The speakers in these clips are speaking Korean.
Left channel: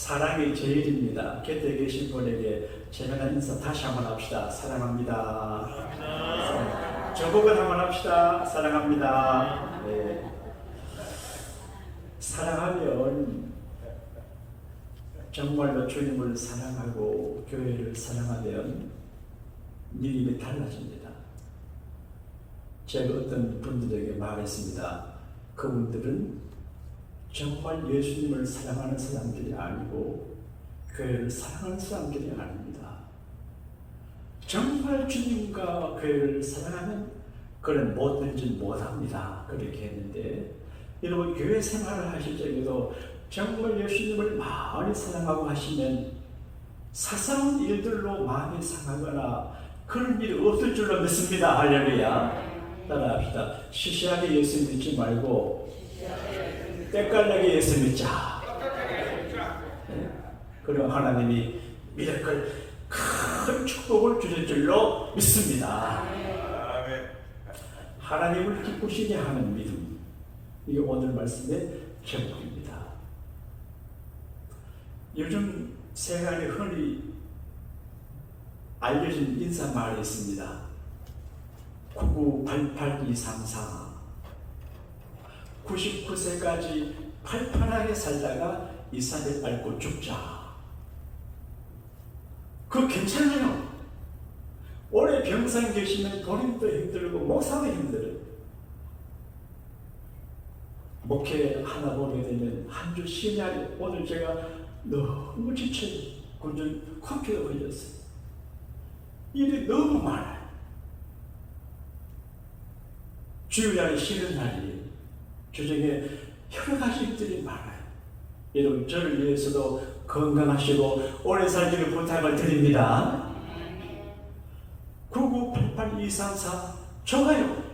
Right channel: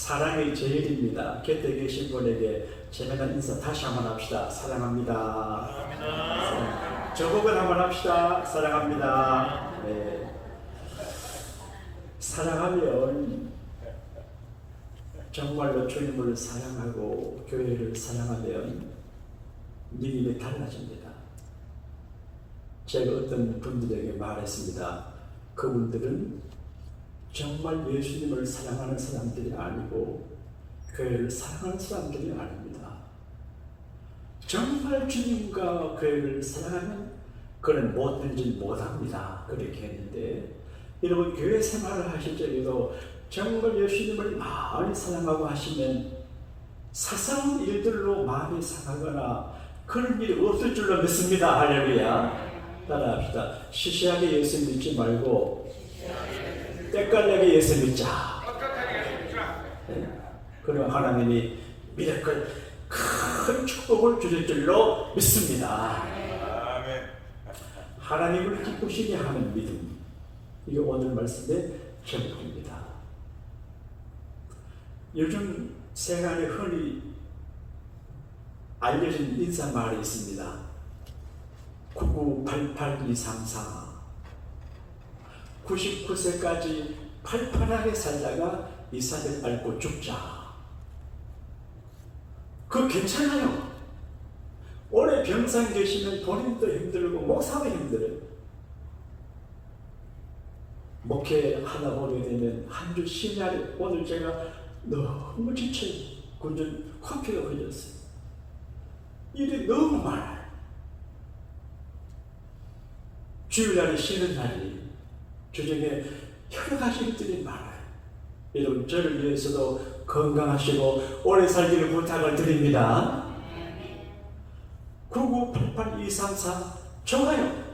사랑의 제일입니다. 곁에 계신 분에게 재미난 인사 다시 한번 합시다. 사랑합니다. 저보고 한번 합시다. 사랑합니다. 네. 사랑하면 정말로 주님을 사랑하고 교회를 사랑하면 일이 달라집니다. 제가 어떤 분들에게 말했습니다. 그분들은 정말 예수님을 사랑하는 사람들이 아니고 교회를 사랑하는 사람들이 아닙니다. 정말 주님과 교회를 사랑하면 그는 뭐든지 못합니다. 그렇게 했는데 여러분 교회 생활을 하실 적에도 정말 예수님을 많이 사랑하고 하시면 사소한 일들로 마음이 상하거나 그런 일이 없을 줄로 믿습니다. 할렐루야. 따라합시다. 시시하게 예수 믿지 말고 때깔나게 예수 믿자. 네? 그럼 하나님이 미라클 큰 축복을 주실 줄로 믿습니다. 하나님을 기쁘시게 하는 믿음, 이게 오늘 말씀의 제목입니다. 요즘 세간에 흔히 알려진 인사말이 있습니다. 9988234 99세까지 팔팔하게 살다가 이산을 밟고 죽자. 그거 괜찮아요. 오래 병상 계시면 본인도 힘들고 목사도 힘들어요. 목회 하나 보게 되면 한 주 쉬냐. 오늘 제가 너무 지쳐요. 완전 코피가 흘렸어요. 일이 너무 많아요. 주일날에 쉬는 날이 주중에 여러 가지 일들이 많아요. 여러분 저를 위해서도 건강하시고 오래 살기를 부탁을 드립니다. 9988234 좋아요.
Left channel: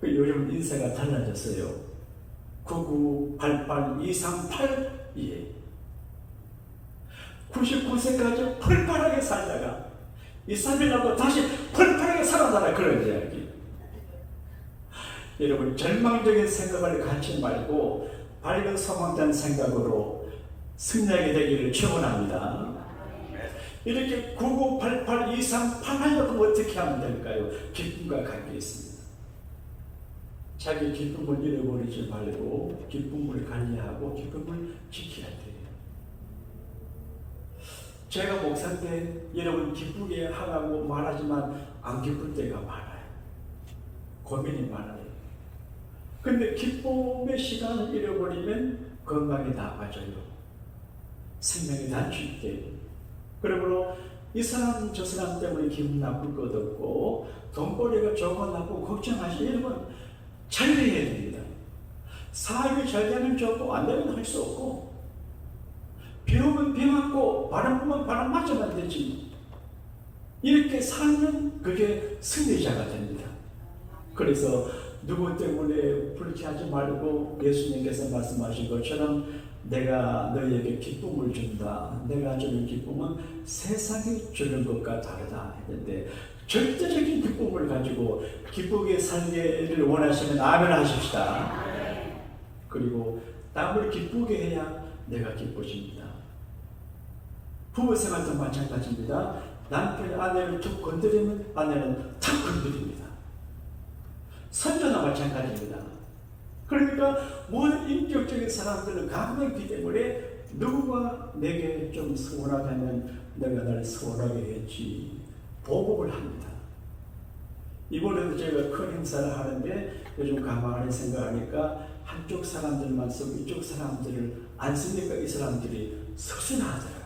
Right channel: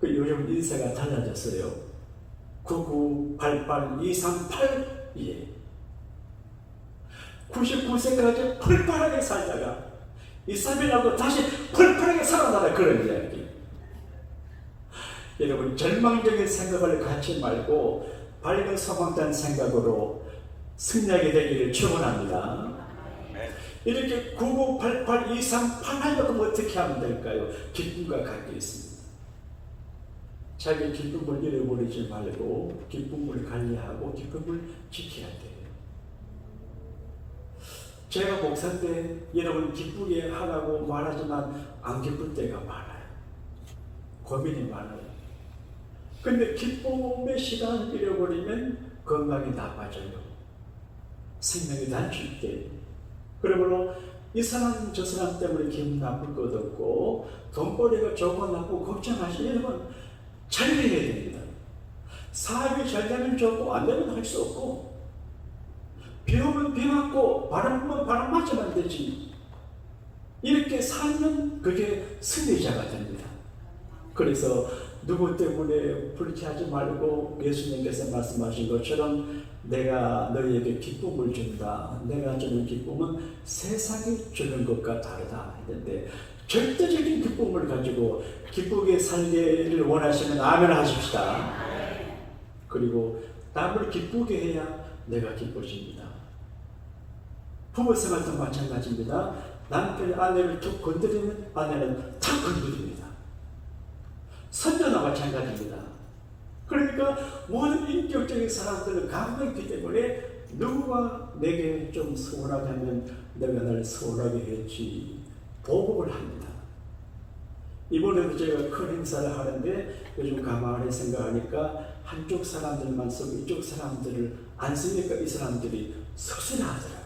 그 요즘 인사가 달라졌어요. 9988238 예. 99세까지 펄펄하게 살다가 이사벨하고 다시 펄펄하게 살아나라 그런 이야기. 여러분 절망적인 생각을 갖지 말고 밝은 소망찬 생각으로 승리하게 되기를 축원합니다. 이렇게 998823 하려면 어떻게 하면 될까요? 기쁨과 관계 있습니다. 자기 기쁨을 잃어버리지 말고 기쁨을 관리하고 기쁨을 지켜야 돼요. 제가 목사인데 여러분 기쁘게 하라고 말하지만 안 기쁠 때가 많아요. 고민이 많아요. 근데 기쁨의 시간을 잃어버리면 건강이 나빠져요. 생명이 단축 돼요. 그러므로 이 사람 저 사람 때문에 기분 나쁠 것 없고 돈벌이가 좋고 나쁘고 걱정하시면 자유해야 됩니다. 사업이 잘 되면 좋고 안 되면 할 수 없고 비 오면 비 맞고 바람 불면 바람 맞으면 되지. 이렇게 살면 그게 승리자가 됩니다. 그래서 누구 때문에 불쾌하지 말고 예수님께서 말씀하신 것처럼 내가 너희에게 기쁨을 준다. 내가 주는 기쁨은 세상이 주는 것과 다르다 했는데 절대적인 기쁨을 가지고 기쁘게 살기를 원하시면 아멘 하십시다. 그리고 남을 기쁘게 해야 내가 기뻐집니다. 부부생활도 마찬가지입니다. 남편이 아내를 툭 건드리면 아내는 탁 건드립니다. 선녀나 마찬가지입니다. 그러니까 모든 인격적인 사람들은 감정이 있기 때문에 누구가 내게 좀 서운하게 하면 내가 날 서운하게 했지 보복을 합니다. 이번에도 제가 큰 행사를 하는데 요즘 가만히 생각하니까 한쪽 사람들만 쓰고 이쪽 사람들을 안 쓰니까 이 사람들이 서술하더라고요.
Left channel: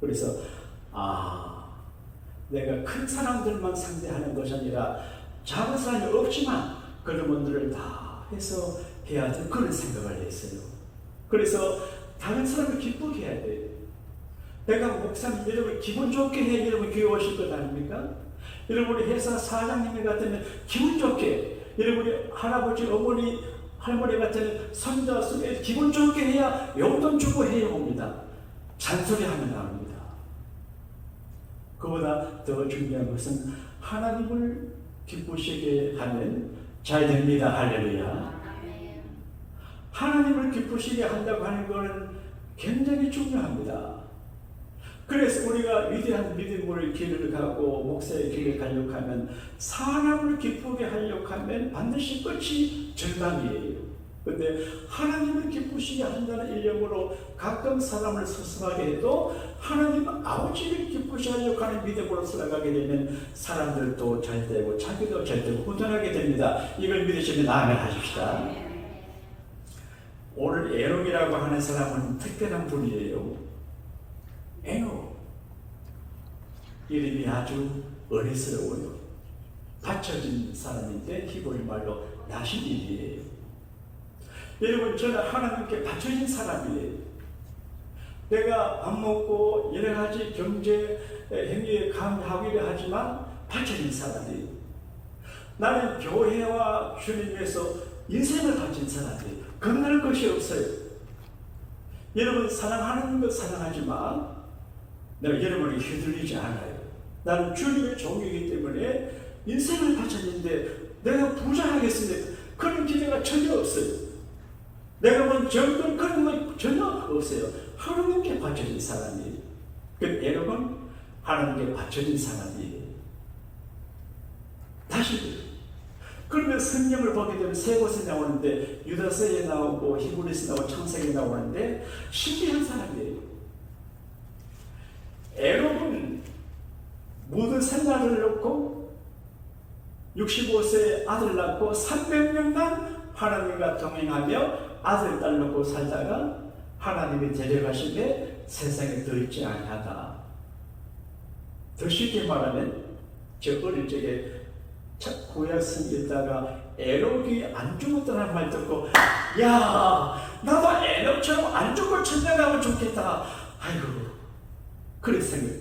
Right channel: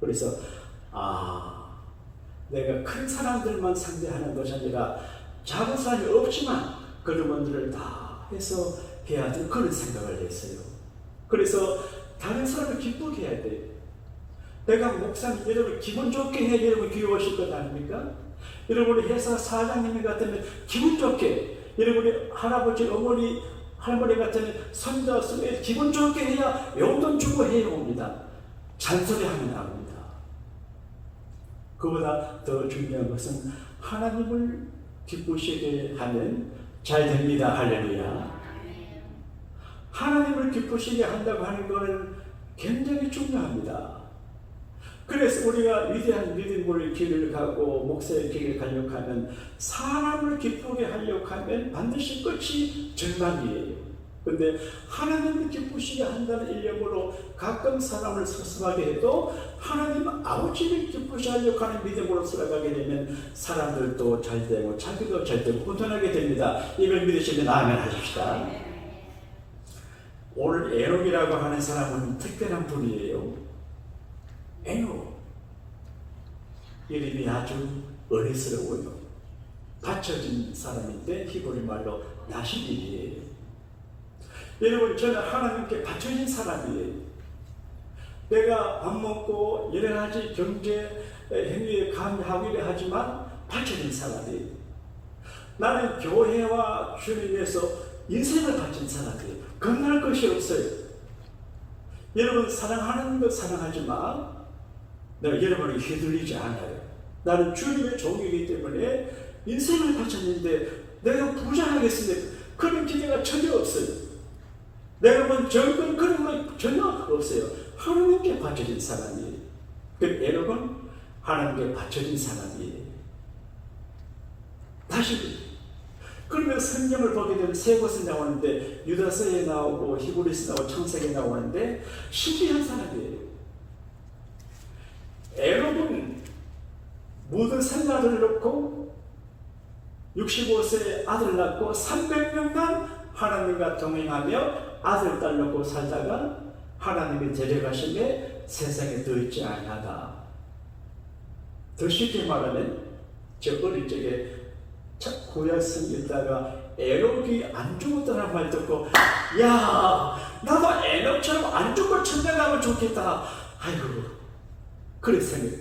그래서 내가 큰 사람들만 상대하는 것이 아니라 작은 사람이 없지만 그런 분들을 다 해서 해야 될 그런 생각을 했어요. 그래서 다른 사람을 기쁘게 해야 돼요. 내가 목사님 여러분 기분 좋게 해야 여러분 교회 오실 것 아닙니까? 여러분이 회사 사장님 같으면 기분 좋게, 여러분이 할아버지 어머니 할머니 같으면 손자 손에 기분 좋게 해야 용돈 주고 해야 옵니다. 잔소리하면 안 합니다. 그보다 더 중요한 것은 하나님을 기쁘시게 하면 잘 됩니다. 할렐루야. 하나님을 기쁘시게 한다고 하는 것은 굉장히 중요합니다. 그래서 우리가 위대한 믿음의 길을 가고 목사의 길을 가려고 하면 사람을 기쁘게 하려고 하면 반드시 끝이 절망이에요. 그런데 하나님을 기쁘시게 한다는 일념으로 가끔 사람을 서슴하게 해도 하나님 아버지를 기쁘시게 하려고 하는 믿음으로 살아가게 되면 사람들도 잘 되고 자기도 잘 되고 훈훈하게 됩니다. 이걸 믿으시면 아멘 하십시다. 오늘 에녹이라고 하는 사람은 특별한 분이에요. 에녹, 이름이 아주 어리스러워요. 받쳐진 사람인데 히브리 말로 나시딜이에요. 여러분, 저는 하나님께 받쳐진 사람이에요. 내가 밥 먹고 여러 가지 경제 행위에 감하기를 하지만 받쳐진 사람이에요. 나는 교회와 주님에서 인생을 바친 사람이에요. 건강할 것이 없어요. 여러분, 사랑하는 것 사랑하지만 내가 여러분에게 휘둘리지 않아요. 나는 주님의 종이기 때문에 인생을 바쳤는데 내가 부자하겠습니까? 그런 기대가 전혀 없어요. 내가 본 정권 그런 거 전혀 없어요. 하나님께 바쳐진 사람이에요. 그 에녹은 하나님께 바쳐진 사람이에요. 다시 그러면 성경을 보게 되면 세 곳에 나오는데 유다서에 나오고 히브리서 나오고 창세기에 나오는데 신비한 사람이에요. 에녹은 모든 생활을 놓고 65세에 아들 낳고 300년간 하나님과 동행하며 아들 딸 놓고 살다가 하나님의 데려가심에 세상에 더 있지 아니하다. 더 쉽게 말하면 저 어릴 적에 구약성 읽다가 에녹이 안 죽었다는 말 듣고 야 나도 에녹처럼 안 죽고 천대 가면 좋겠다. 아이고 그래 생각.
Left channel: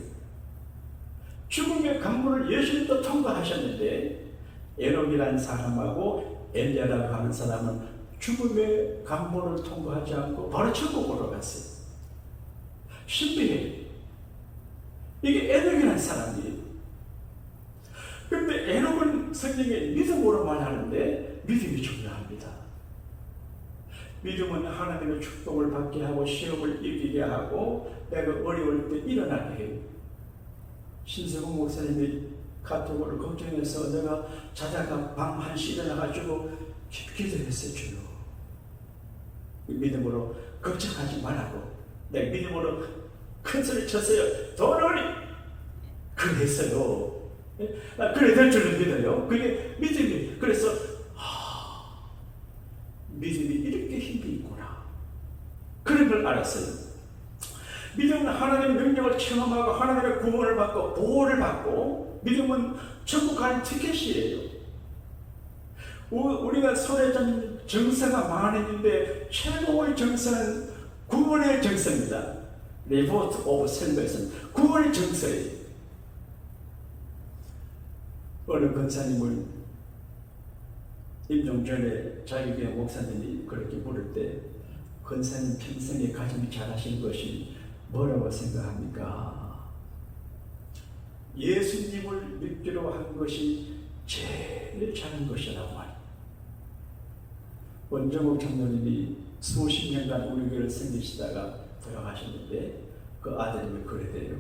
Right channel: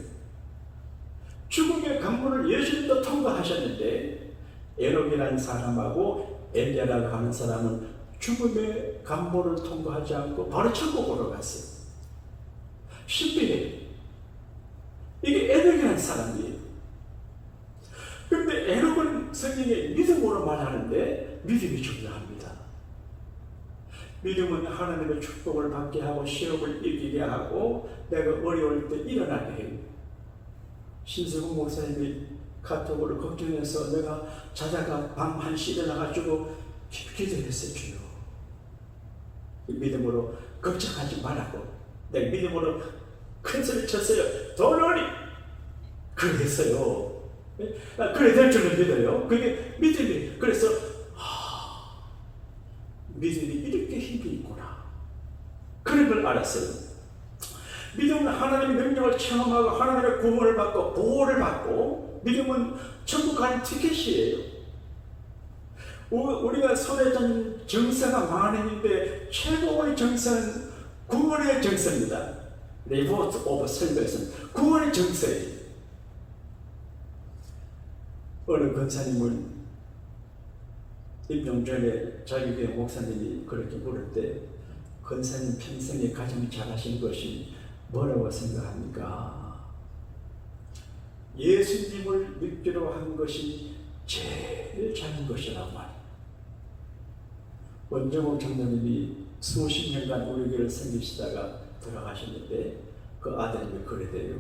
죽음의 강물을 예수님도 통과하셨는데 에녹이라는 사람하고 엘리야라고 하는 사람은 죽음의 강물을 통과하지 않고 바로 천국으로 갔어요. 신비해요. 이게 에녹이라는 사람이에요. 그런데 에녹은 성경에 믿음으로 말하는데 믿음이 중요합니다. 믿음은 하나님의 축복을 받게 하고 시험을 이기게 하고 내가 어려울 때 일어나게 해요. 신성훈 목사님이 카톡으로 걱정해서 내가 자다가 밤 1시 일어나가지고 기도했어요. 주요. 믿음으로 걱정하지 말라고. 내가 믿음으로 큰 소리 쳤어요. 돌아오니! 그렇게 했어요. 그래 될 줄을 믿어요. 그게 믿음이. 그래서 믿음이 이렇게 힘이 있구나. 그런 걸 알았어요. 믿음은 하나님의 능력을 체험하고 하나님의 구원을 받고 보호를 받고 믿음은 천국 가는 티켓이에요. 우리가 손에 든 정서가 많은데 최고의 정서는 구원의 정서입니다. 리포트 오브 셀베이션, 구원의 정서예요. 어느 권사님을 임종 전에 자기교회 목사님이 그렇게 부를 때 권사님 평생에 가장 잘하신 것이 뭐라고 생각합니까? 예수님을 믿기로 한 것이 제일 잘한 것이라고 말해요. 원정옥 장로님이 수십 년간 우리 교회를 섬기시다가 돌아가셨는데 그 아들님이 그러대요.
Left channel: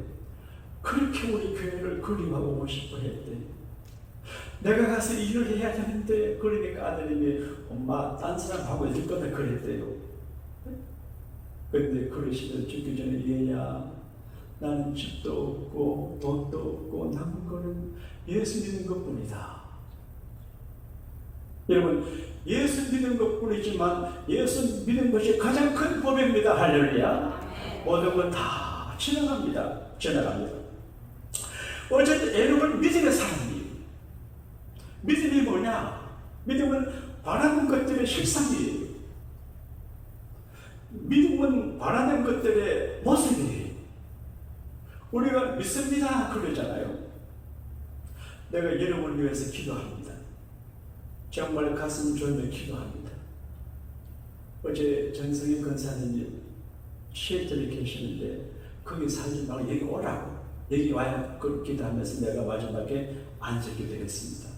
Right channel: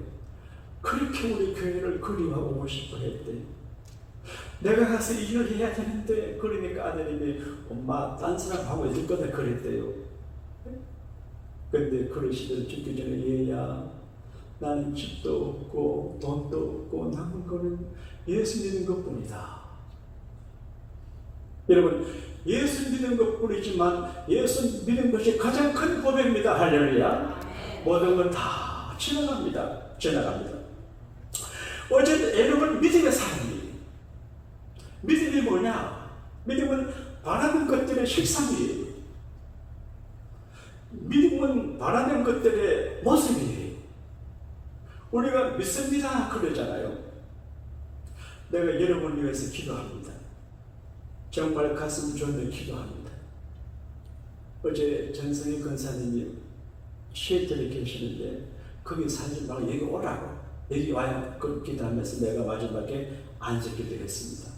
그렇게 우리 교회를 그리워하고 싶어 했대. 내가 가서 일을 해야 되는데 그러니까 아들님이 엄마 딴 사람 하고 해줄 거다 그랬대요. 그런데 그러시더니 죽기 전에 얘야 나는 집도 없고 돈도 없고 남은 거는 예수 믿는 것뿐이다. 여러분 예수 믿는 것뿐이지만 예수 믿는 것이 가장 큰 법입니다. 할렐루야. 모든 건 다 지나갑니다. 어쨌든 에녹은 믿음의 사람이에요. 믿음이 뭐냐? 믿음은 바라는 것들의 실상이에요. 믿음은 바라는 것들의 모습이에요. 우리가 믿습니다 그러잖아요. 내가 여러분을 위해서 기도합니다. 정말 가슴 졸며 기도합니다. 어제 전성희 권사님이 시애틀에 계시는데 거기 살지 말고 여기 오라고. 여기 와야 그 기도하면서 내가 마지막에 안수기도했습니다.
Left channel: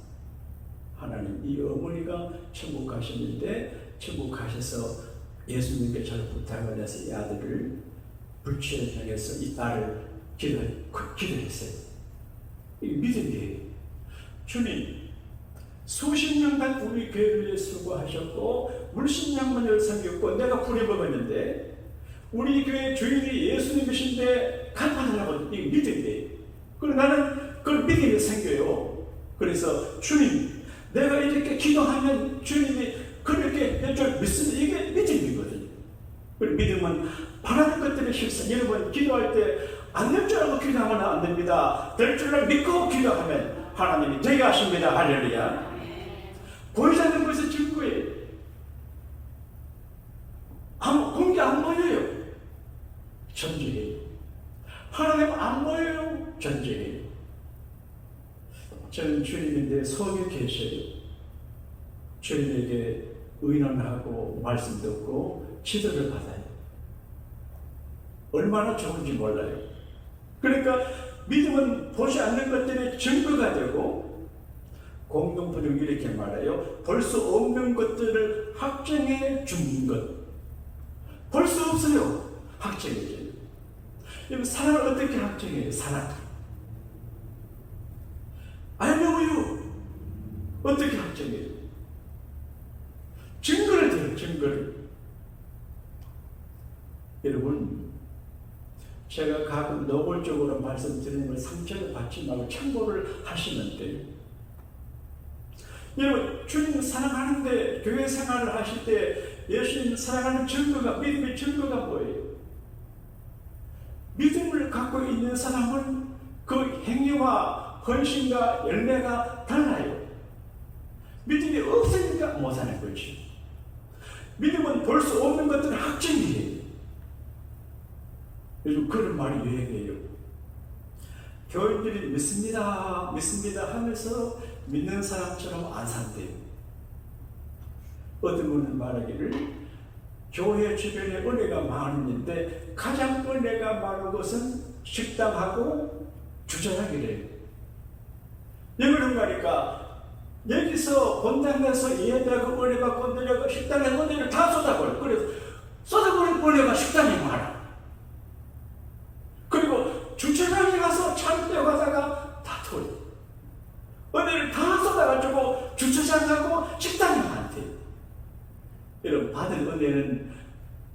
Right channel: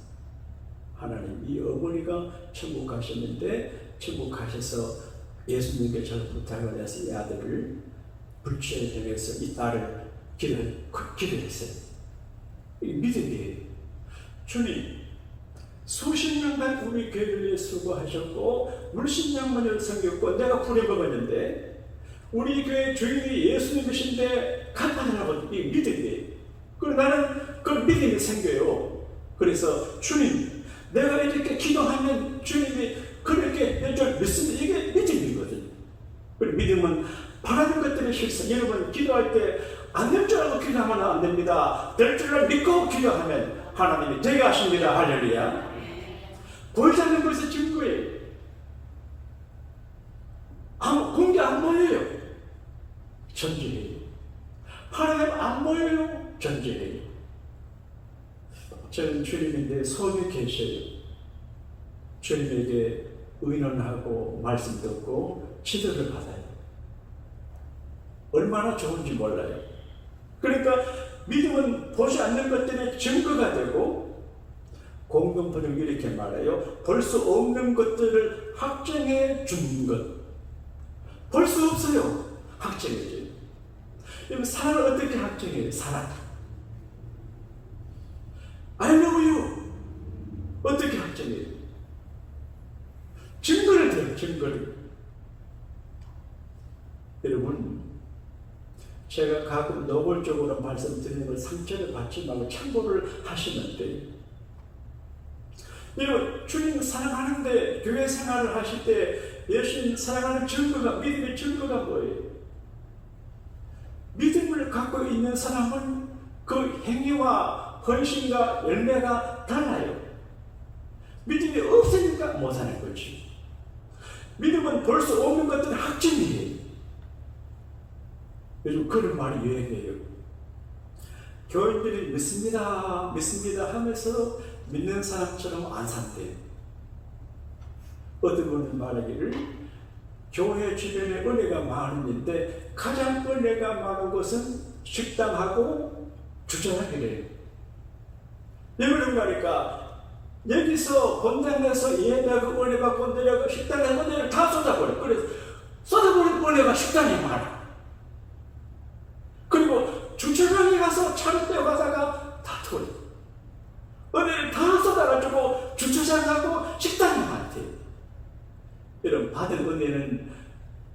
하나님 이 어머니가 천국 가셨는데 천국 가셔서 예수님께 저를 부탁을 해서 이 아들을 불치에 정해서 이 딸을 기도했어요. 믿음이에요. 주님, 수십 년간 우리 교회를 위해 수고하셨고 물신양면을 섬겼고 내가 부려먹었는데 우리 교회 주인이 예수님이신데 간판하라고 이 믿음이에요. 그리고 나는 그 믿음이 생겨요. 그래서 주님, 내가 이렇게 기도하면 주님이 그렇게 해줄 믿습니다. 이게 믿음이거든요. 그리고 믿음은 바라는 것들의 실수. 여러분 기도할 때 안 될 줄 알고 기도하면 안 됩니다. 될 줄을 믿고 기도하면 하나님이 되게 하십니다. 할렐루야. 보이지 않는 것에서 증거예요. 공개 안 보여요. 전제예요. 하나님 안 보여요. 전제예요. 저는 주님인데 속에 계셔요. 주님에게 의논하고 말씀 듣고 지도를 받아요. 얼마나 좋은지 몰라요. 그러니까 믿음은 보지 않는 것들의 증거가 되고 공동번역 이렇게 말해요. 볼 수 없는 것들을 확정해 주는 것. 볼 수 없어요. 확정해줘요. 여러분 사랑을 어떻게 확정해요? 사랑. I know you. 어떻게 확정해요? 증거를 대요. 증거를. 여러분 제가 가끔 노골적으로 말씀드리는 걸 상처를 받지 말고 참고를 하시면 돼요. 여러분 주님 사랑하는데 교회 생활을 하실 때 예수님 사랑하는 증거가 믿음의 증거가 뭐예요? 믿음을 갖고 있는 사람은 그 행위와 헌신과 열매가 달라요. 믿음이 없으니까 못하는 거지. 믿음은 볼 수 없는 것들은 확정이에요. 요즘 그런 말이 유행해요. 교인들이 믿습니다, 믿습니다 하면서 믿는 사람처럼 안 산대요. 어떤 분은 말하기를 교회 주변에 은혜가 많은데 가장 은혜가 많은 것은 식당하고 주차장이래요. 왜 그런가 하니까 여기서 본당 가서 예배하고 은혜 받고 은혜하고 식당에 은혜를 다 쏟아버려. 그래서 쏟아버린 은혜가 식당에 많아. 그리고 주차장에 가서 차를 떼어가다가 다 털어. 은혜를 다 쏟아가지고 주차장하고 식당에 많대. 여러분 받은 은혜는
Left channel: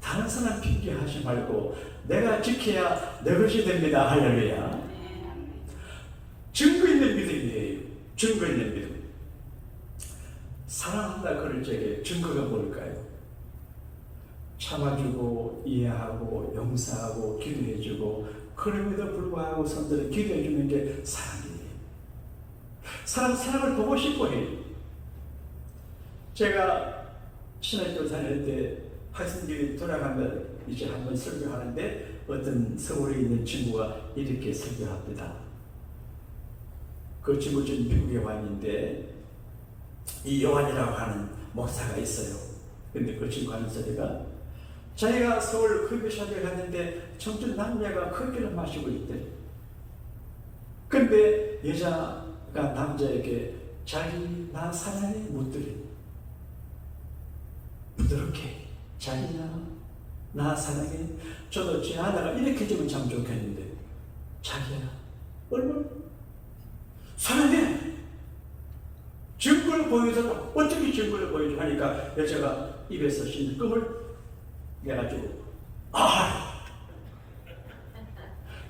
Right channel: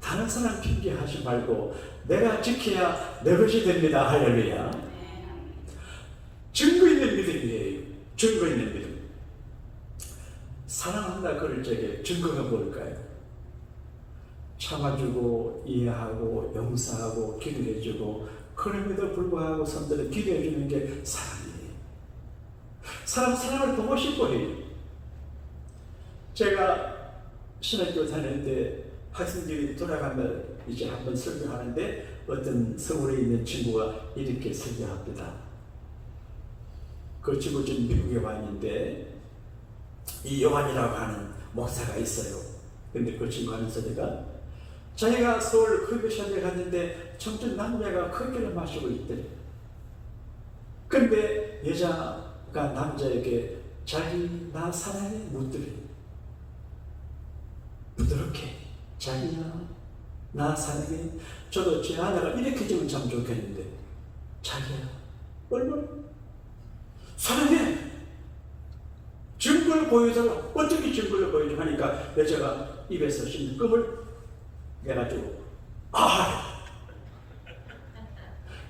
다른 사람 핑계하지 말고 내가 지켜야 내 것이 됩니다. 할렐루야. 증거 있는 믿음이에요. 증거 있는 믿음. 사랑한다 그럴 적에 증거가 뭘까요? 참아주고 이해하고 용서하고 기도해주고 그럼에도 불구하고 성도를 기도해주는 게 사랑이에요. 사랑을 보고 싶어 해요. 제가 신학교 다닐 때 학생들이 돌아가면 이제 한번 설교하는데 어떤 서울에 있는 친구가 이렇게 설교합니다. 그 친구 지금 미국에 와 있는데 이 요한이라고 하는 목사가 있어요. 근데 그 친구 하는 소리가 자기가 서울 커피숍에 갔는데 청춘 남자가 커피를 마시고 있대. 근데 여자가 남자에게 자기 나 사랑해 묻더래. 부드럽게 자기야 나 사랑해. 저도 제 하나가 이렇게 주면 참 좋겠는데 자기야 얼마나 사랑해. 증거를 보여줘라. 어떻게 증거를 보여줘 하니까 여자가 입에서 씹는 껌을 내가지고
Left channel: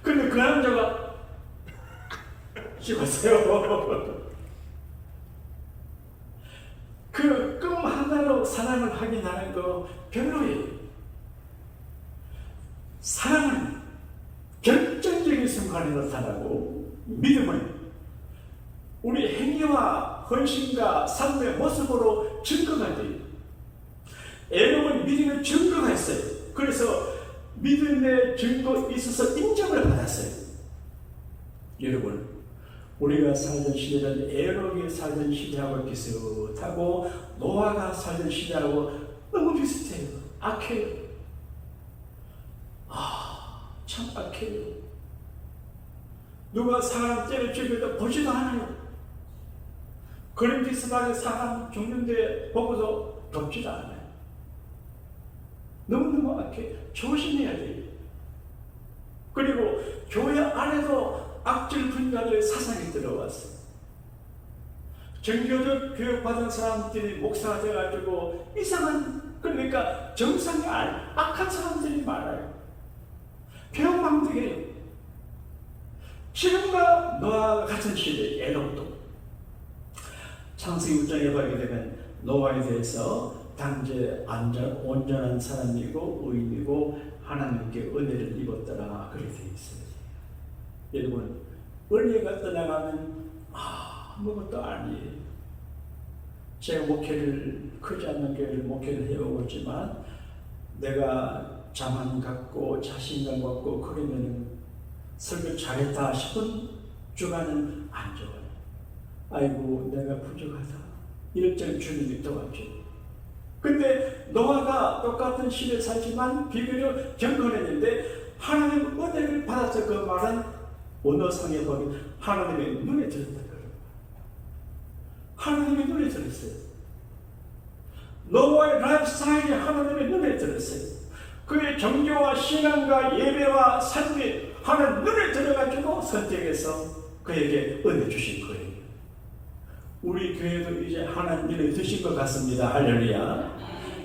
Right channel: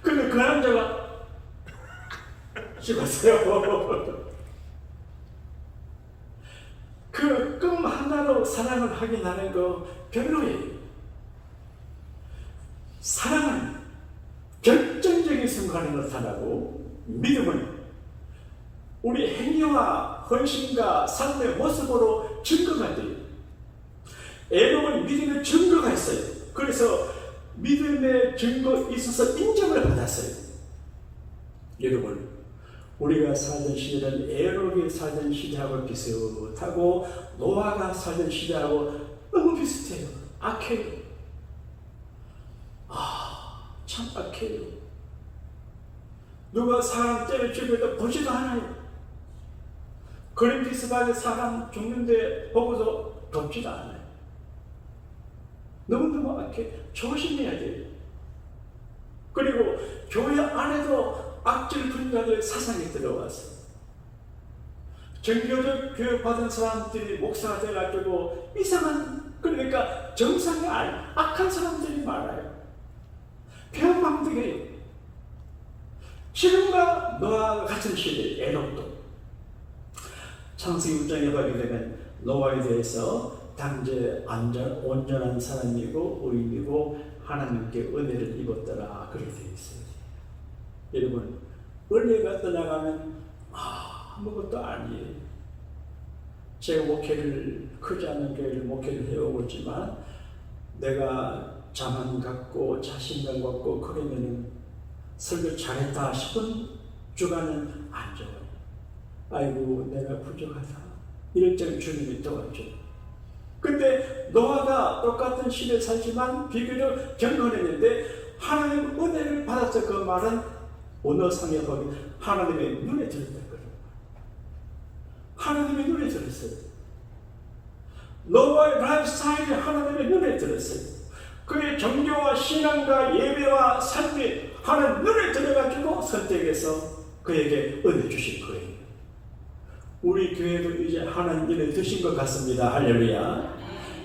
근데 그 남자가 씹었어요. 그 껌 하나로 사랑을 확인하는 거 별로예요. 사랑은 결정적인 순간에 나타나고 믿음은 우리 행위와 헌신과 삶의 모습으로 증거가 돼요. 여러분 믿음의 증거가 있어요. 그래서 믿음의 증거 있어서 인정을 받았어요. 여러분 우리가 살던 시대는 에녹이 살던 시대하고 비슷하고 노아가 살던 시대하고 너무 비슷해요. 악해요. 참 악해요. 누가 사람 때려 죽여도 보지도 않아요. 그린피스방에 사람 죽는데 보고도 덥지도 않아요. 너무너무 악해. 조심해야 돼요. 그리고 교회 안에도 악질 분자들 사상이 들어왔어요. 정교적 교육받은 사람들이 목사가 돼가지고 이상한, 그러니까 정상이 아닌 악한 사람들이 많아요. 배은망덕해요. 지금과 노아와 같은 시대, 에녹도 창세기 6장에 보게 되면 노아에 대해서 당제 온전한 사람이고 의인이고 하나님께 은혜를 입었더라, 그렇게 되어 있어요. 여러분, 은혜가 떠나가면 아무것도 아니에요. 제가 목회를, 크지 않은 교회를 목회를 해오고 있지만 내가 자만 갖고 자신감 갖고 그러면 설교 잘했다 싶은 주간은 안 좋아요. 아이고 내가 부족하다 이럴 때 주님이 도와줘. 근데 노아가 똑같은 시대에 살지만 비교적 경건했는데 하나님 은혜를 받아서 그 말은 언어상에 보면 하나님의 눈에 들었다. 하나님의 눈에 들었어요. 노아의 라이프 스타일이 하나님의 눈에 들었어요. 그의 종교와 신앙과 예배와 삶이 하나님 눈에 들어가지고 선택해서 그에게 은혜 주신 거예요. 우리 교회도 이제 하나님 눈에 드신 것 같습니다. 할렐루야.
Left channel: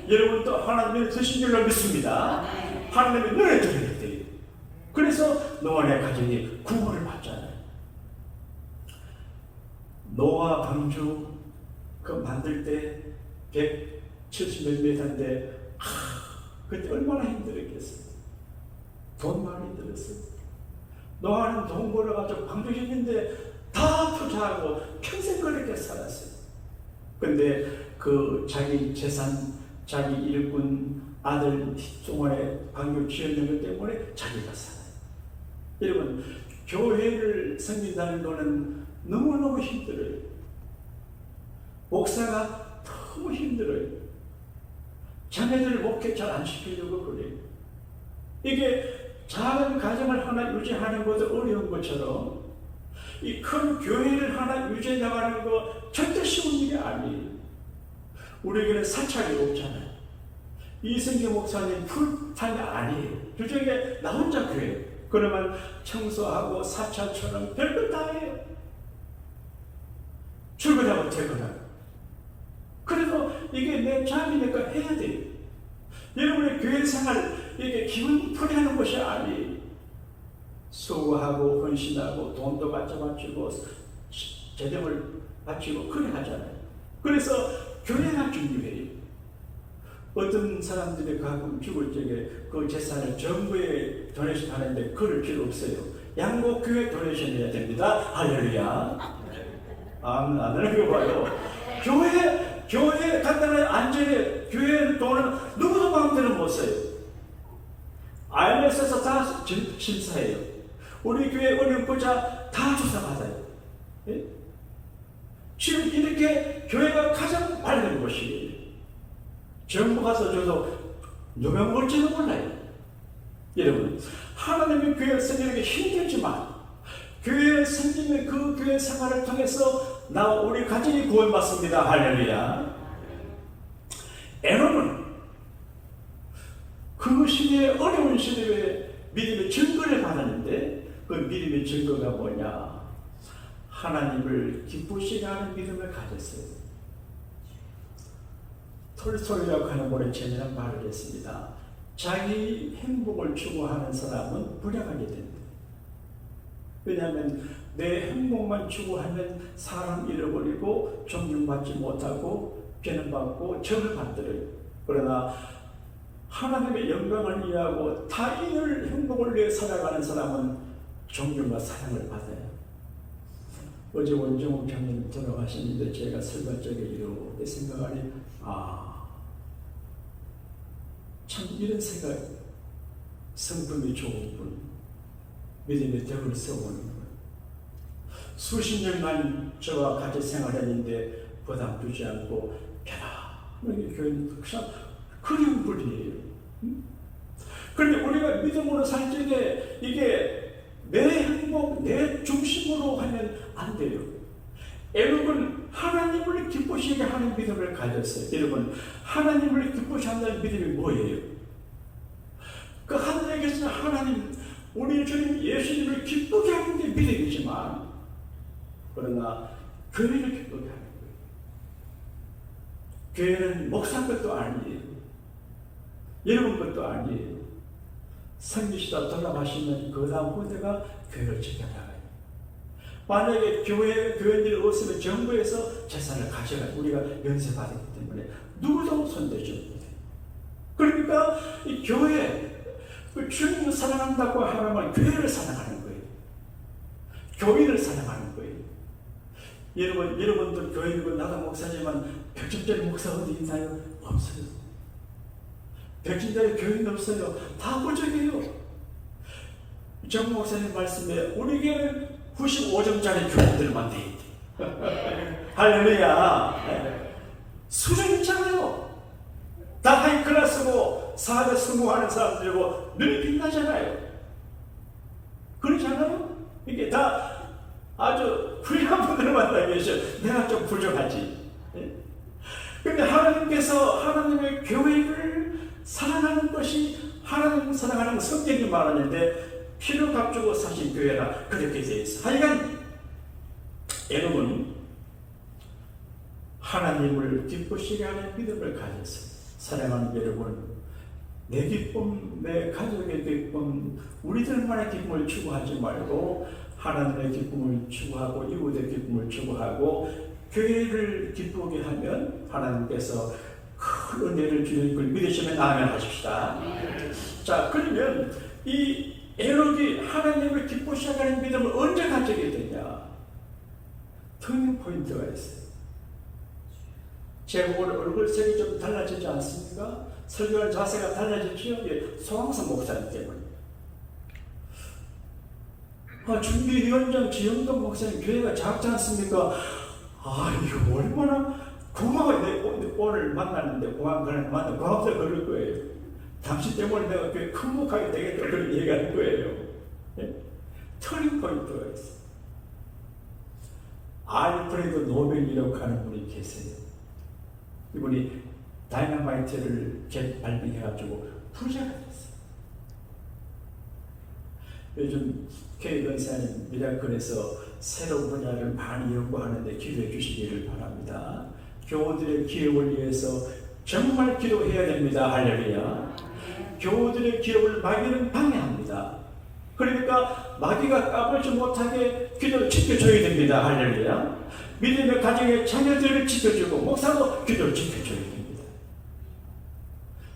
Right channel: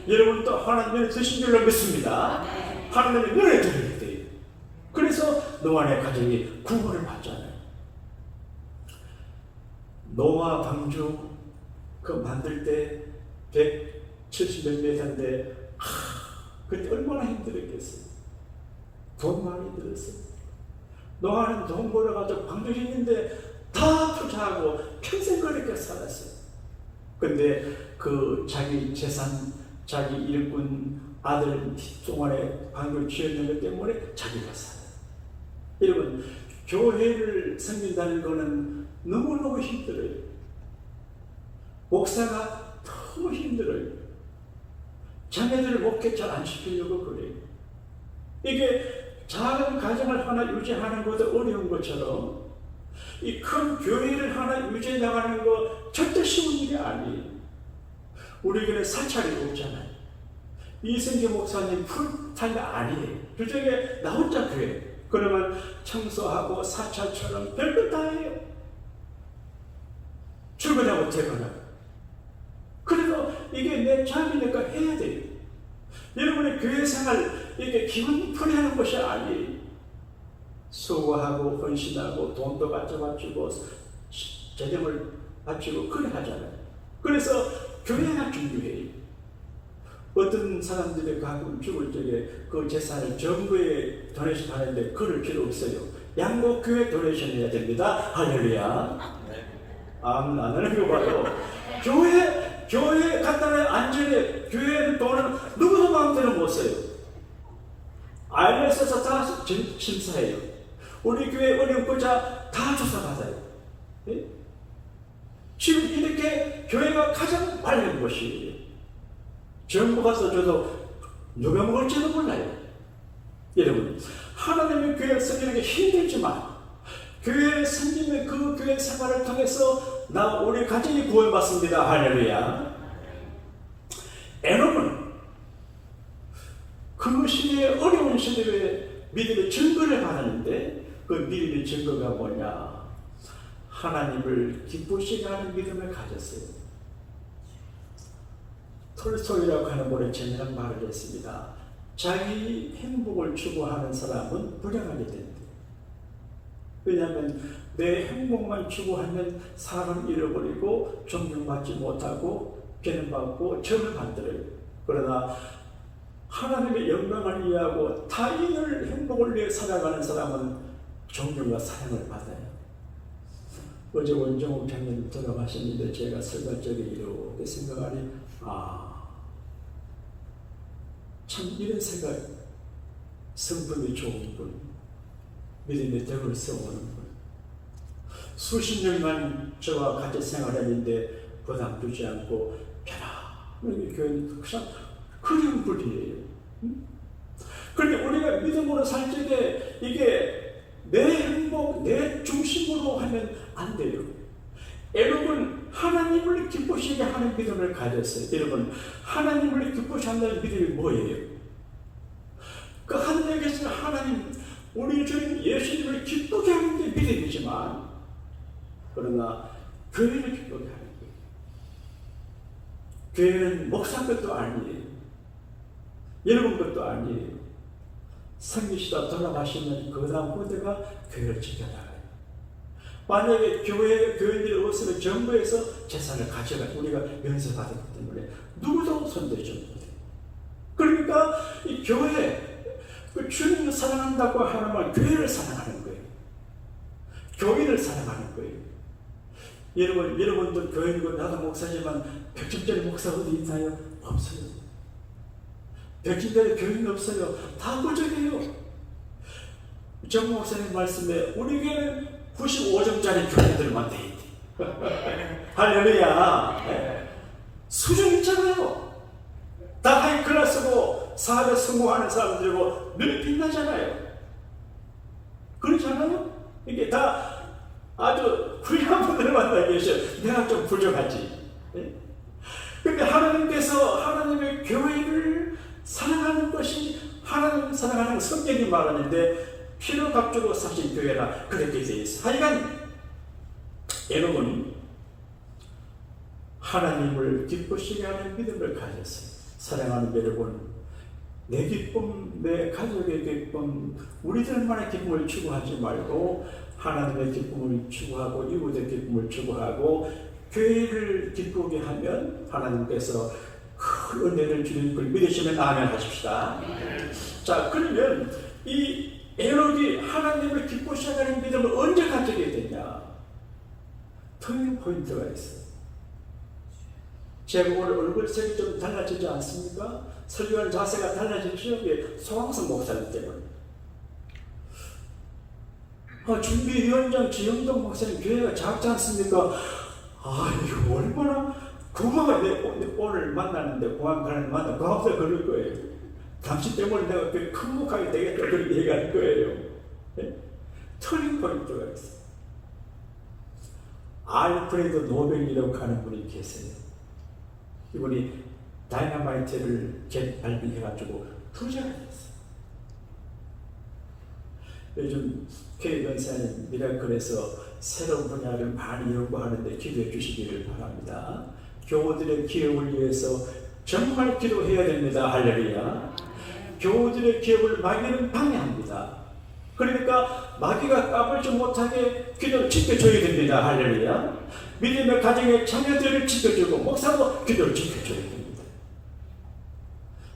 여러분도 하나님 눈에 드신 줄로 믿습니다. 하나님의 눈에 들어야 돼요. 그래서 노아의 가정이 구원을 받잖아요. 노아 방주 그 만들 때 170몇 미터인데 그때 얼마나 힘들었겠어요. 돈 많이 힘들었어요. 노아는 돈 벌어가지고 방주 짓는데 다 투자하고 평생 그렇게 살았어요. 근데 그 자기 재산, 자기 일꾼 아들 동안에 방주 지었는 것 때문에 자기가 살아요. 여러분, 교회를 섬긴다는 거는 너무너무 힘들어요. 목사가 너무 힘들어요. 자녀들을 목회 잘 안 시키려고 그래요. 이게 작은 가정을 하나 유지하는 것도 어려운 것처럼 이 큰 교회를 하나 유지해 나가는 거 절대 쉬운 일이 아니에요. 우리 교회는 사찰이 없잖아요. 이승기 목사님 풀타임이 아니에요. 주중에 나 혼자 교회. 그러면 청소하고 사찰처럼 별걸 다 해요. 출근하고 퇴근하고. 그래도 이게 내 자리니까 해야 돼요. 여러분의 교회 생활, 이게 기분 풀이하는 것이 아니에요. 수고하고 헌신하고 돈도 바쳐바치고 재정을 바치고 그래 하잖아요. 그래서 교회가 중요해요. 어떤 사람들이 가끔 죽을 적에 그 재산을 정부에 도네이션 하는데 그럴 필요 없어요. 양곡교회 도네이션 해야 됩니다. 할렐루야. 안 하는 거 봐요. 교회 간단한 안전에 교회 돈을 누구도 마음대로 못 써요. IMS에서 다 심사해요. 우리 교회 은행부자 다 조사받아요. 예? 지금 이렇게 교회가 가장 맑은 곳이에요. 정부 가서 줘도 누가 먹을지도 몰라요. 여러분, 하나님의 교회 섬기는 게 힘들지만 교회 섬기는 그 교회 생활을 통해서 우리 가정이 구원받습니다. 할렐루야. 에녹은 그 시대의 어려운 시대에 믿음의 증거를 받았는데 그 믿음의 증거가 뭐냐? 하나님을 기쁘시게 하는 믿음을 가졌어요. 톨스토이라고 하는 분이 재미난 말을 했습니다. 자기 행복을 추구하는 사람은 불행하게 됩니다. 왜냐하면 내 행복만 추구하면 사람 잃어버리고 존경받지 못하고 비난받고 점을 만들어요. 그러나 하나님의 영광을 이해하고 타인을 행복을 위해 살아가는 사람은 존경과 사랑을 받아요. 어제 원정욱 장님 돌아가셨는데 제가 설교 쪽에 이렇게 생각하니 참 이런 생각, 성품이 좋은 분, 믿음의 덕을 써오는 분, 수십 년간 저와 같이 생활했는데 부담 주지 않고 편안하게 교회는 그런 분이에요. 그런데 우리가 믿음으로 살 적에 이게 내 행복, 내 중심으로 하면 안 돼요. 여러분, 하나님을 기쁘시게 하는 믿음을 가졌어요. 여러분, 하나님을 기쁘시게 한다는 믿음이 뭐예요? 그 하늘에 계신 하나님, 우리 주님 예수님을 기쁘게 하는 게 믿음이지만, 그러나 교회를 기쁘게 하는 거예요. 교회는 목사 것도 아니에요. 여러분 것도 아니에요. 섬기시다 돌아가시면 그 다음 후대가 교회를 지켜나가요. 만약에 교회들이 없으면 정부에서 재산을 가져가 우리가 연세받았기 때문에 누구도 손대지 못해요. 그러니까 이 교회, 그 주님을 사랑한다고 하면 교회를 사랑하는 거예요. 교인을 사랑하는 거예요. 여러분들 교인이고 나도 목사지만 백집전 목사 어디 있나요? 없어요. 백집전에 교인 없어요. 다 부족해요. 정 목사님 말씀에 우리 교회는 95점짜리 교인들만 돼 있대. 할렐루야. 수준 있잖아요. 다 하이 클래스고 사업에 성공하는 사람들이고 눈이 빛나잖아요. 그렇잖아요. 이게 다 아주 훌륭한 분들만 다 계셔. 내가 좀 부족하지. 근데 하나님께서 하나님의 교회를 사랑하는 것이 하나님을 사랑하는 성경이 말하는데 피를 값주고 사신 교회라 그렇게 되어 있어. 하여간 여러분 하나님을 기쁘시게 하는 믿음을 가졌어요. 사랑하는 여러분, 내 기쁨, 내 가족의 기쁨, 우리들만의 기쁨을 추구하지 말고 하나님의 기쁨을 추구하고 이웃의 기쁨을 추구하고 교회를 기쁘게 하면 하나님께서 큰 은혜를 주는 걸 믿으시면 아멘 하십시다. 자, 그러면 이 에녹이 하나님을 기쁘시게 하는 믿음을 언제 가지게 되냐? 터닝 포인트가 있어요. 제가 오늘 얼굴색이 좀 달라지지 않습니까? 설교하는 자세가 달라지죠? 소강성 목사님 때문에. 준비위원장 지영동 목사님 교회가 작지 않습니까? 이거 얼마나 고마워요. 오늘 만나는데 공항가는 만나 고맙다 그럴 거예요. 당신 때문에 내가 그 큰목하게 되겠다 그런 얘기할 거예요. 터닝 포인트가 있어요. 알프레드 노벨이라고 하는 분이 계세요. 이분이 다이너마이트를 발명해가지고 부자가 됐어요. 요즘 K건사는 미라클에서 새로운 분야를 많이 연구하는데 기도해 주시기를 바랍니다. 교우들의 기업을 위해서 정말 기도해야 됩니다. 할렐루야. 교우들의 기업을 마귀는 방해합니다. 그러니까 마귀가 까불지 못하게 기도를 지켜줘야 됩니다. 할렐루야. 믿음의 가정의 자녀들을 지켜주고 목사도 기도를 지켜줘야 됩니다.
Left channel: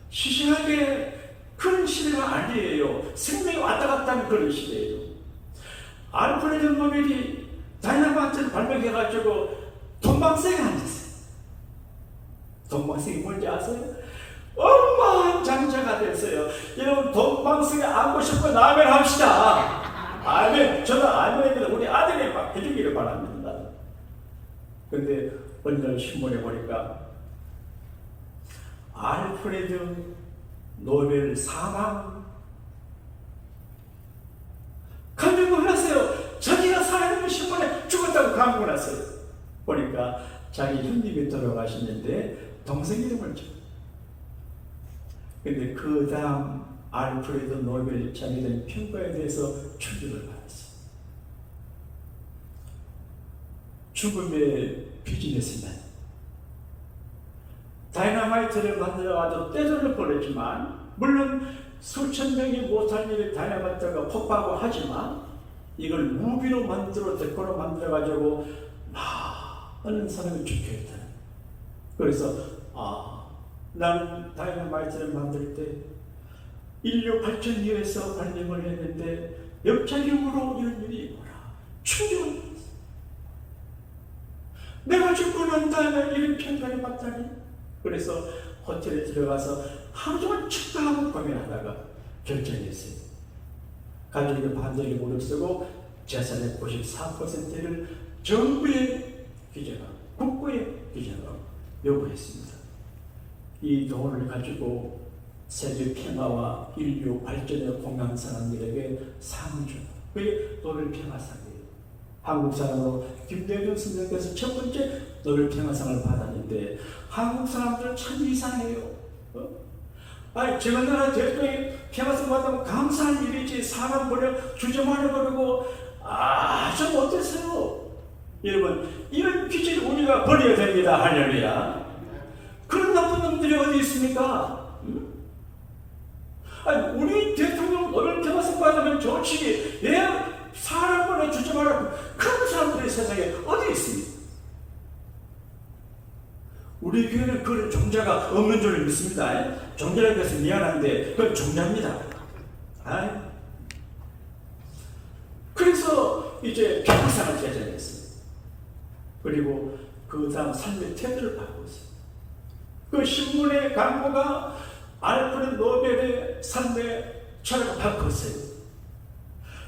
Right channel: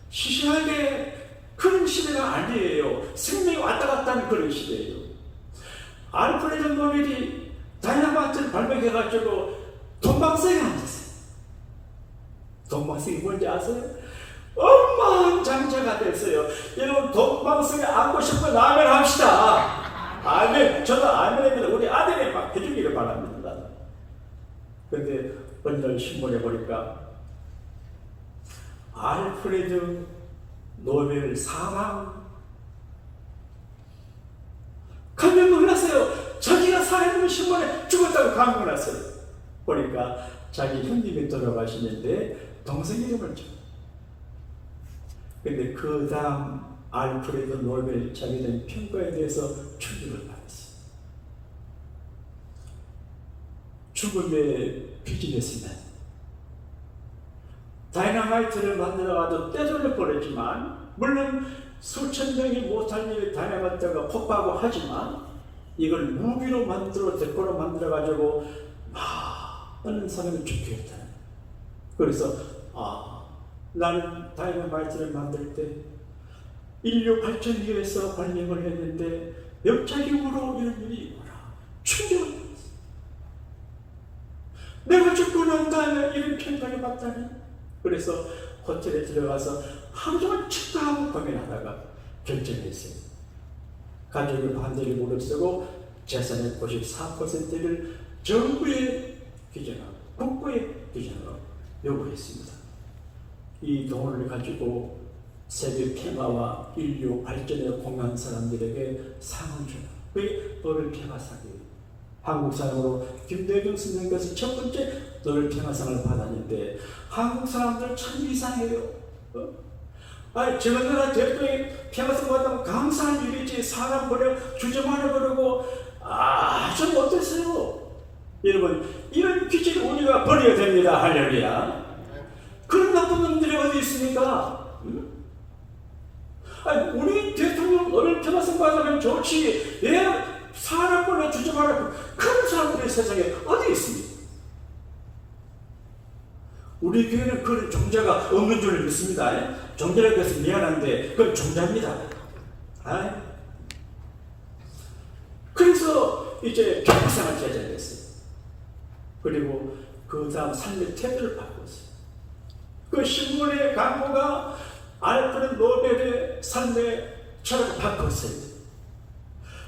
시시하게 그런 시대가 아니에요. 생명이 왔다 갔다 하는 그런 시대예요. 알프레드 노벨이 다이너마이트를 발명해가지고 돈방석에 앉았어요. 돈방석이 뭔지 아세요? 억만장자가 됐어요. 여러분 돈방석에 앉고 싶으면 아멘 합시다. 아멘. 저는 아멘입니다. 우리 아들이 막 해주기를 바랍니다. 근데 어느 날 신문에 보니까 알프레드 노벨 사망 감명을 하세요. 자기가 살아있는 신문에 죽었다고 감명을 하세요. 보니까 자기 형님이 돌아가시는데 동생 이름을 줘. 근데 그 다음 알프레드 노벨 자기는 평가에 대해서 충격을 받았어요. 죽음의 비즈니스맨. 다이너마이트를 만들어가지고 떼돌릴 뻔했지만, 물론 수천 명이 못할 일을 다이너마이트가 폭파하고 하지만, 이걸 무기로 만들어 데코로 만들어가지고 많은 사람을 죽게 했다는. 그래서 나는 다이너마이트를 만들 때 인류 발전 위해서 발명을 했는데 역작용으로 이런 일이 있구나. 충격을 받았어. 내가 죽고 난 다음에 이런 평가를 받다니. 그래서 호텔에 들어가서 하루 종일 축구하고 공연하다가 결정했어요. 가족의 반대를 무릅쓰고 재산의 94%를 정부에 기증하고 국고에 기증하고 요구했습니다. 이 돈을 가지고 세계 평화와 인류 발전에 공헌한 사람들에게 상을 줘요. 그게 노벨 평화상이에요. 한국 사람으로 김대중 선생님께서 첫 번째 노벨 평화상을 받았는데 한국 사람들 참 이상해요. 아니 저나라 대통령이 평화성 받으면 감사한 일이지 사람 버려 주저말아 버리고 좀 어땠어요? 여러분 이런 기질 우리가 버려야 됩니다. 할렐루야. 그런 나쁜 놈들이 어디 있습니까? 아니 우리 대통령 너를 평화성 받으면 좋지 왜 사람 버려 주저말아 그런 사람들이 세상에 어디 있습니까? 우리 교회는 그런 종자가 없는 줄 믿습니다. 종자라고 해서 미안한데 그건 종자입니다. 그래서 이제 평상을 제작했어요. 그리고 그 다음 삶의 태도를 바꿨어요. 그 신문의 광고가 알프레드 노벨의 삶의 철학을 바꿨어요.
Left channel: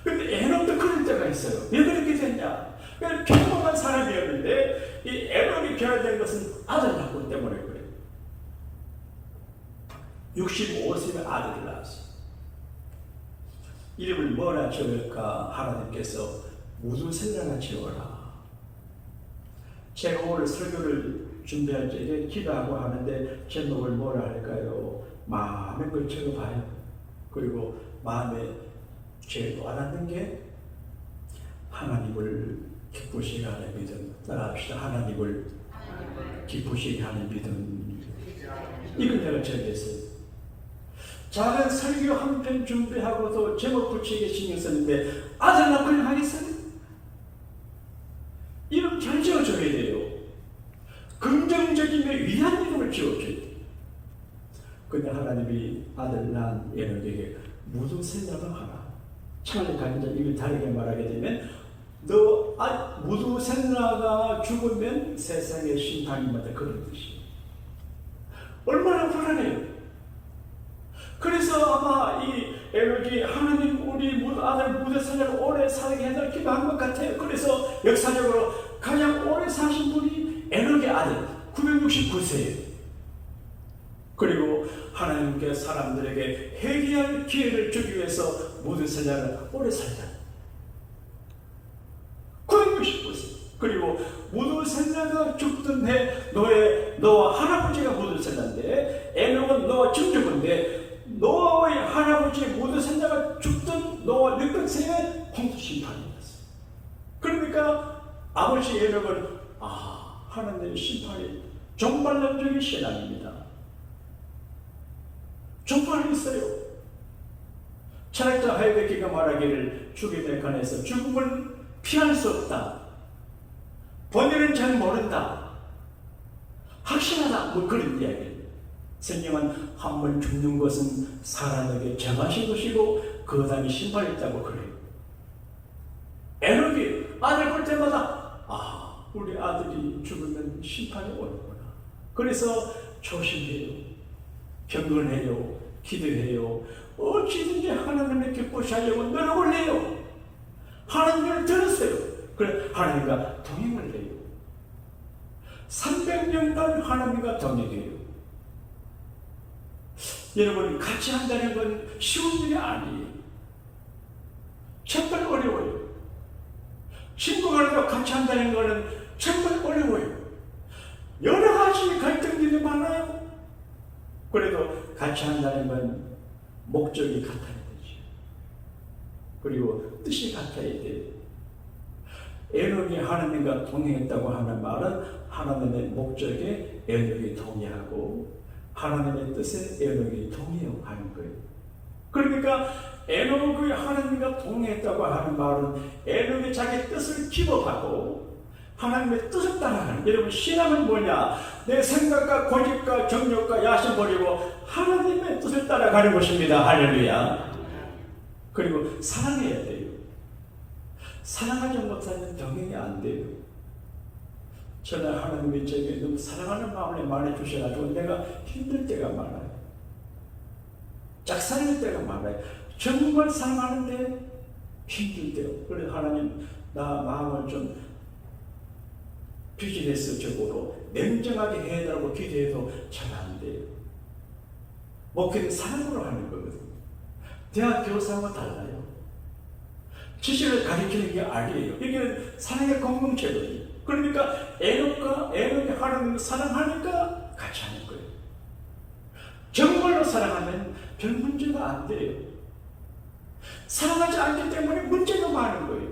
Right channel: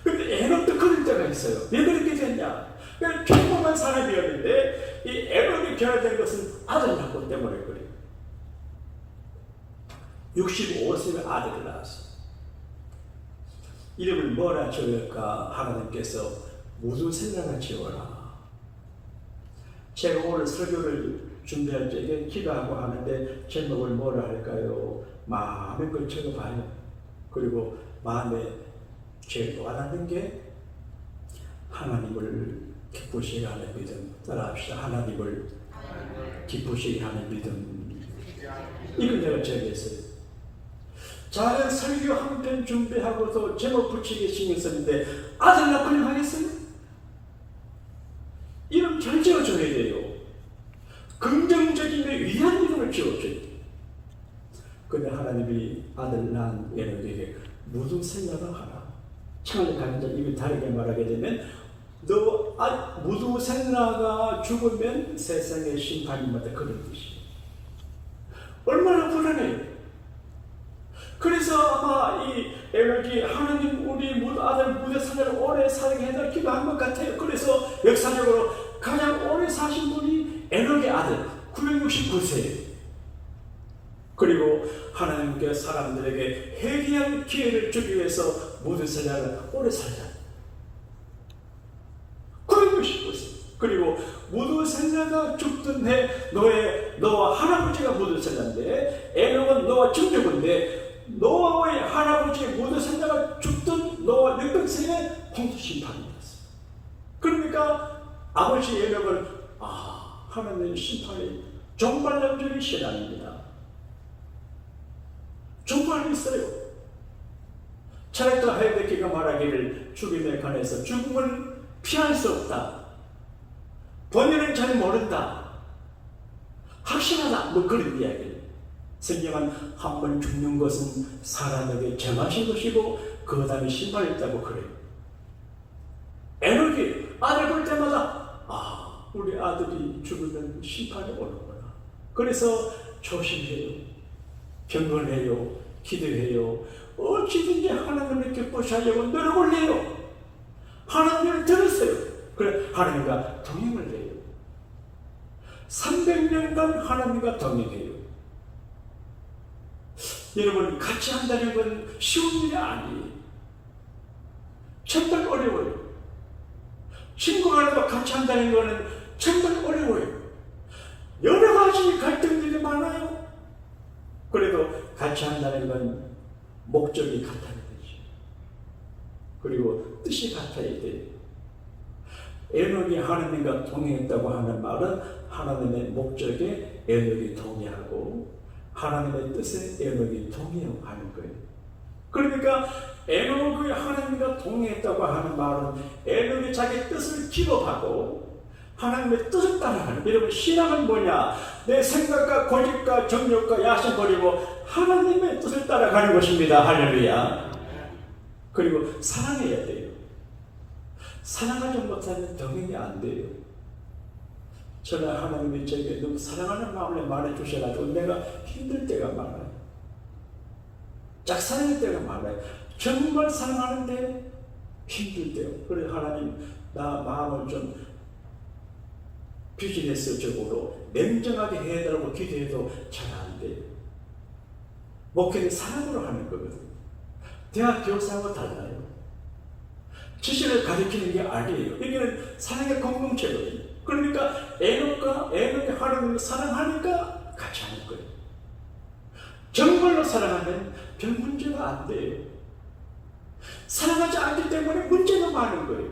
근데 에녹도 그런 때가 있어요. 왜 그렇게 됐냐? 그냥 평범한 사람이었는데 이 에녹이 변화된 것은 아들 낳고 때문에 그래요. 65세에 아들을 낳았어요. 이름을 뭐라 지을까? 하나님께서 무두셀라라 지어라. 제가 오늘 설교를 준비할 때 기도하고 하는데 제목을 뭐라 할까요? 마음에 걸쳐 봐요. 그리고 마음에 제일 원하는 게 하나님을 기쁘시게 하는 믿음. 따라합시다. 하나님을 기쁘시게 하는 믿음. 이걸 내가 정했어요. 작은 설교 한 편 준비하고도 제목 붙이게 신경 썼는데 아들 낳고는 하겠어요? 이름 잘 지어줘야 돼요. 긍정적이며 위한 이름을 지어줘야 돼요. 근데 하나님이 아들 낳은 에녹에게 무두셀라가 하라. 창을 가진 자 이미 다르게 말하게 되면 무두셀라가 죽으면 세상의 심판이 나다 그런 뜻이에요. 얼마나 불안해요. 그래서 아마 이 에녹이 하나님 우리 아들 무두셀라를 오래 살게 해달라 기도한 것 같아요. 그래서 역사적으로 가장 오래 사신 분이 에녹의 아들 969세예요. 그리고 하나님께 사람들에게 회개할 기회를 주기 위해서 무두셀라를 오래 살자. 969세. 그리고 무두셀라가 죽던 해 노아 할아버지가 무두셀라인데 에녹은 노아 증조인데 노아의 할아버지 무두셀라가 죽던 노아 600세에 홍수 심판이 있었어요. 그러니까 아버지 에녹은 하나님의 심판이 종말론적인 신앙입니다. 종말이 있어요. 철학자 하이데거가 말하기를 죽음에 관해서 죽음을 피할 수 없다. 본인은 잘 모른다. 확신하다. 뭐 그런 이야기를. 성경은 한 번 죽는 것은 사람에게 정하신 것이고 그 다음에 심판이 있다고 그래요. 에녹이 아들 볼 때마다 우리 아들이 죽으면 심판이 오는구나. 그래서 조심해요. 경건해요. 기도해요. 어찌든지 하나님을 기쁘시하려고 노력을 해요. 하나님을 들었어요. 그래 하나님과 동행을 해요. 300년간 하나님과 동행해요. 여러분 같이 한다는 건 쉬운 일이 아니에요. 정말 어려워요. 친구와도 같이 한다는 것은 정말 어려워요. 여러 가지 갈등들이 많아요. 그래도 같이 한다는 건 목적이 같아야 되죠. 그리고 뜻이 같아야 돼요. 에녹이 하나님과 동행했다고 하는 말은 하나님의 목적에 에녹이 동의하고 하나님의 뜻에 에녹이 동의하는 거예요. 그러니까 에녹이 하나님과 동행했다고 하는 말은 에녹이 자기 뜻을 기법하고 하나님의 뜻을 따라가는. 여러분 신앙은 뭐냐? 내 생각과 고집과 정욕과 야심 버리고 하나님의 뜻을 따라가는 것입니다. 할렐루야. 그리고 사랑해야 돼요. 사랑하지 못하면 동행이 안 돼요. 저는 하나님이 저에게 너무 사랑하는 마음을 많이 주셔가지고 내가 힘들 때가 많아요. 짝사랑할 때가 많아요. 정말 사랑하는데 힘들 때요. 그래서 하나님 나 마음을 좀 비즈니스적으로 냉정하게 해달라고 기도해도 잘 안 돼요. 목회는 사랑으로 하는 거거든요. 대학 교사와 달라요. 지식을 가르치는 게 아니에요. 여기는 사랑의 공동체거든요. 그러니까 에녹이 하나님을 사랑하니까 같이 하는 거예요. 정말로 사랑하면 별 문제가 안 돼요. 사랑하지 않기 때문에 문제가 많은 거예요.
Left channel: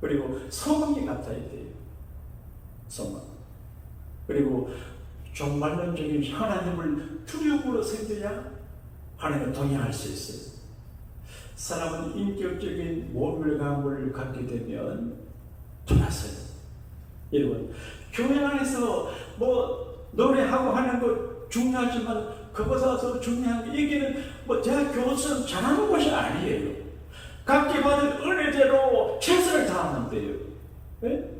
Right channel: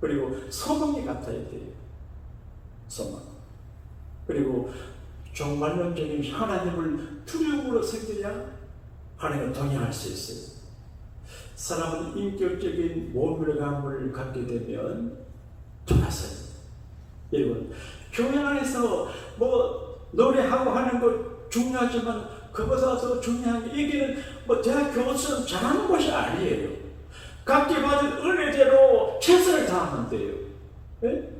그리고 소망이 같아야 돼요. 소망. 그리고 종말론적인 하나님을 두려움으로 섬겨야 하나님을 동행할 수 있어요. 사람은 인격적인 모멸감을 갖게 되면 돌아서요. 여러분, 교회 안에서 뭐 노래하고 하는 것 중요하지만 그보다 더 중요한 게 여기는 뭐 대학 교수는 잘하는 것이 아니에요. 각기 받은 은혜대로 최선을 다하면 돼요. 네?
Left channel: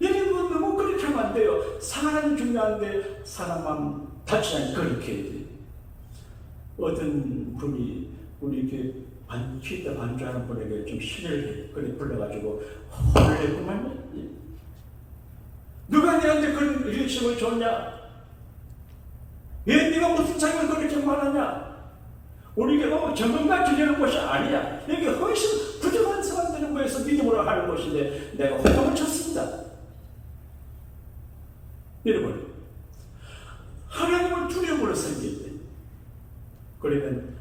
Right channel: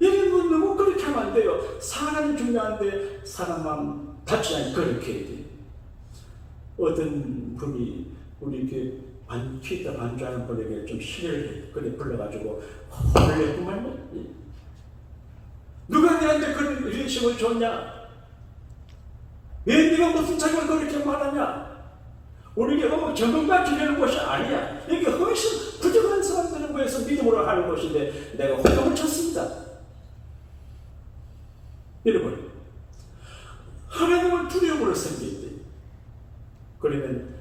여러분 너무 그렇게 하면 안 돼요. 사람이 중요한데 사람만 다치지 않게 그렇게 해야 돼요. 어떤 분이 우리 피다 반주하는 분에게 좀 시를 그래 불러가지고 화를 내고만요. 누가 내한테 그런 일식을 줬냐? 왜 네가 무슨 자격을 그렇게 말하냐? 우리에게 전문가 주려는 것이 아니야. 이게 훨씬 부족한 사람들을 위해서 믿음으로 하는 것인데 내가 화를 쳤습니다. 여러분, 하나님을 두려움으로 섬겨야 돼. 그러면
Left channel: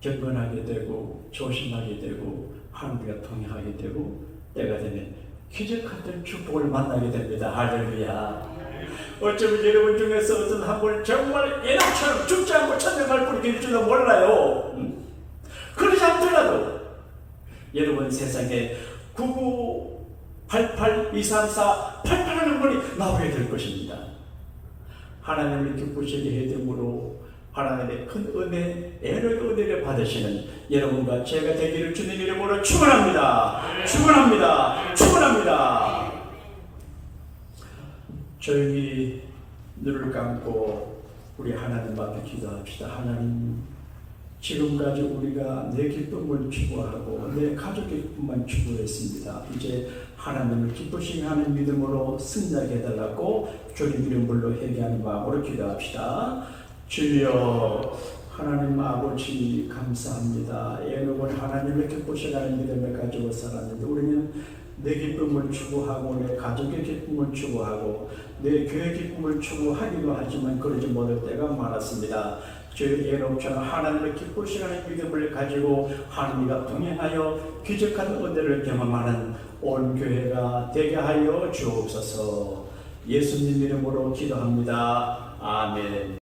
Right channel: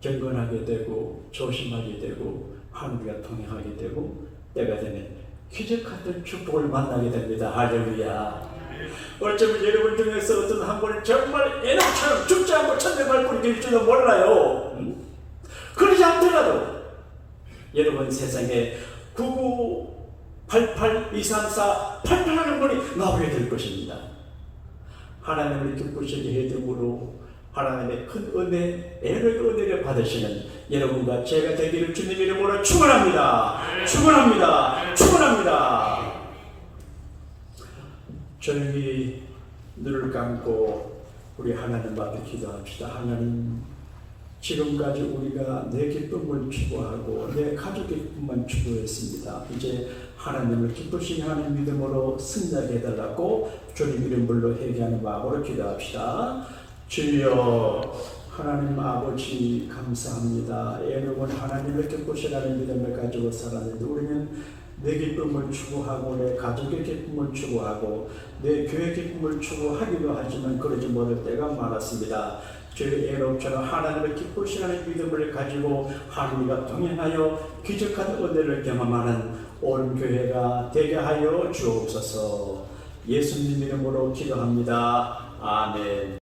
경건하게 되고 조심하게 되고 하나님과 동행하게 되고 때가 되면 기적 같은 축복을 만나게 됩니다. 할렐루야. 어쩌면 여러분 중에서 어떤 한 분은 정말 예나처럼 죽지 않고 천당 갈 분이 줄도 몰라요. 그러지 않더라도 여러분 세상에 9988-234-88 하는 분이 나오게 될 것입니다. 하나님을 기쁘시게 해드으로 하나님의 큰 은혜, 은혜를 받으시는 여러분과 제가 되기를 주님 이름으로 축원합니다. 축원합니다. 축원합니다. 조용히 눈을 감고 우리 하나님 앞에 기도합시다. 하나님, 지금까지 우리가 내 기쁨을 추구하고 내 가족의 기쁨만 추구했습니다. 이제 하나님을 기쁘시게 하는 믿음으로 승리하게 해달라고 주님 이름 불러 회개하는 마음으로 기도합시다. 주여, 하나님 아버지 감사합니다. 애는 하나님을 기쁘시게 하는 믿음을 가지고 살았는데 우리는 내 기쁨을 추구하고 내 가족의 기쁨을 추구하고 내 교회 기쁨을 추구하기도 하지만 그러지 못할 때가 많았습니다. 주의 애롭처럼 하나님을 기쁘시게 하는 믿음을 가지고 하나님과 동행하여 기적한 은혜를 경험하는 온 교회가 되게 하여 주옵소서. 예수님 이름으로 기도합니다. 아멘.